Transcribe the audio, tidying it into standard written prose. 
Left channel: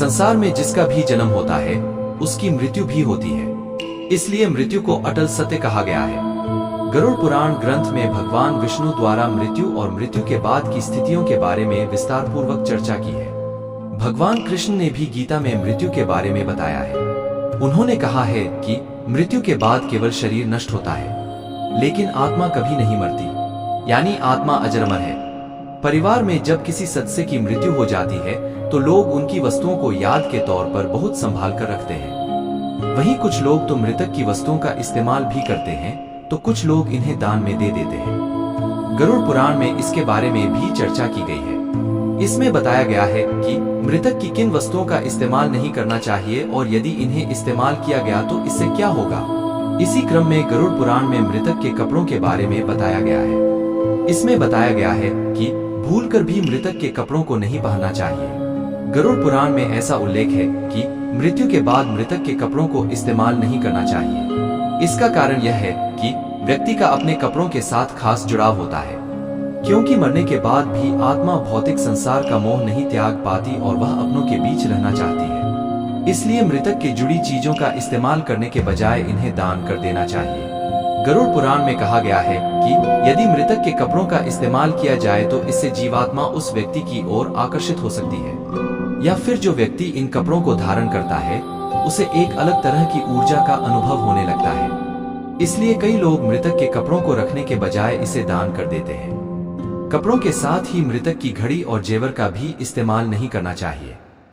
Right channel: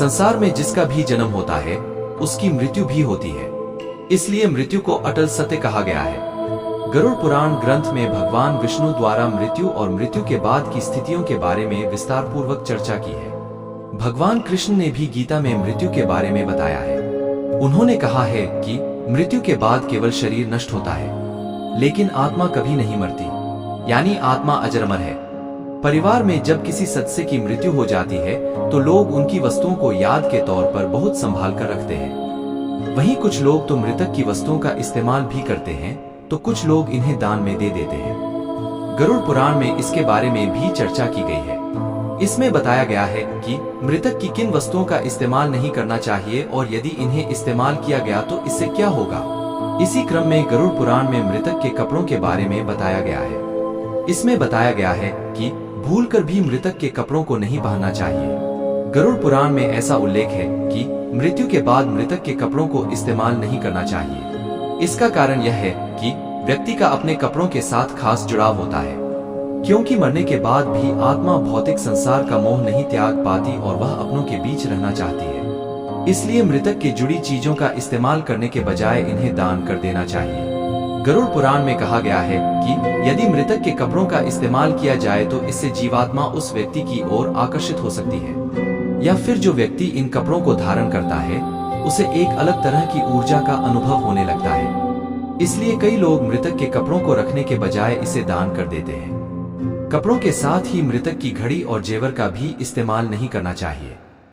संसार में जिसका भी जन्म होता है उसकी मृत्यु भी होती है, इसलिए मृत्यु को अटल सत्य कहा गया है। गरुड़ पुराण ग्रंथ में भगवान विष्णु द्वारा मृत्यु और मृत्यु के बाद की स्थितियों के बारे में विस्तार पूर्वक चर्चा की है। भगवान कृष्ण ने भी गीता में मृत्यु के बारे में बताया है। उन्होंने कहा है कि मृत्यु के बाद केवल शरीर नष्ट होता है, लेकिन आत्मा कभी नहीं मरती, यानी आत्मा अजर-अमर है। परिवार में जब किसी सदस्य की मृत्यु हो जाती है तो लोग उनकी वस्तुओं को याद के तौर पर बहुत संभाल कर रखते हैं। वहीं कुछ लोग तो मृतक की वस्तुओं का इस्तेमाल भी करते हैं, तो कुछ लोग इन्हें दान में दे देते हैं। गरुड़ पुराण में इसके बारे में भी चर्चा की गई है। इसमें बताया गया है कि मृतक की किन वस्तुओं का इस्तेमाल नहीं करना चाहिए और यदि इन्हें इस्तेमाल किया गया तो इससे क्या होगा। इसी क्रम में गरुड़ पुराण में मृतक के कपड़ों के बारे में बताया गया है। इसमें बताया गया है कि भूलकर भी मृतक के कपड़ों को नहीं पहनना चाहिए। गरुड़ पुराण में ऐसा उल्लेख है कि मृत्यु के बाद मृतक के कपड़ों को इस्तेमाल नहीं करना चाहिए। इसका कारण यह है कि व्यक्ति का अपने कपड़ों के साथ खास जुड़ाव होता है, क्योंकि मरने के बाद भी आत्मा भौतिक संसार का मोह नहीं त्याग पाती और वह अपनों के बीच रहना चाहती है। इसलिए मृतक के जुड़ी चीजों का इस्तेमाल करने के बजाय इन्हें दान कर देना चाहिए। गरुड़ पुराण में कहा गया है कि यदि मृतक के कपड़ों का इस्तेमाल किया जाए तो इससे जीवात्मा उस व्यक्ति की ओर आकर्षित हो सकती है, या फिर जो व्यक्ति इन कपड़ों को धारण करता है उसे एक अलग तरह की ऊर्जा का अनुभव होने लगता है। इसलिए कई लोग मृतक के कपड़ों को रखने के बजाय इसे दान कर देते हैं। कपड़ों के साथ ही मृतक की घड़ी और जेवर का भी इस्तेमाल नहीं करना चाहिए।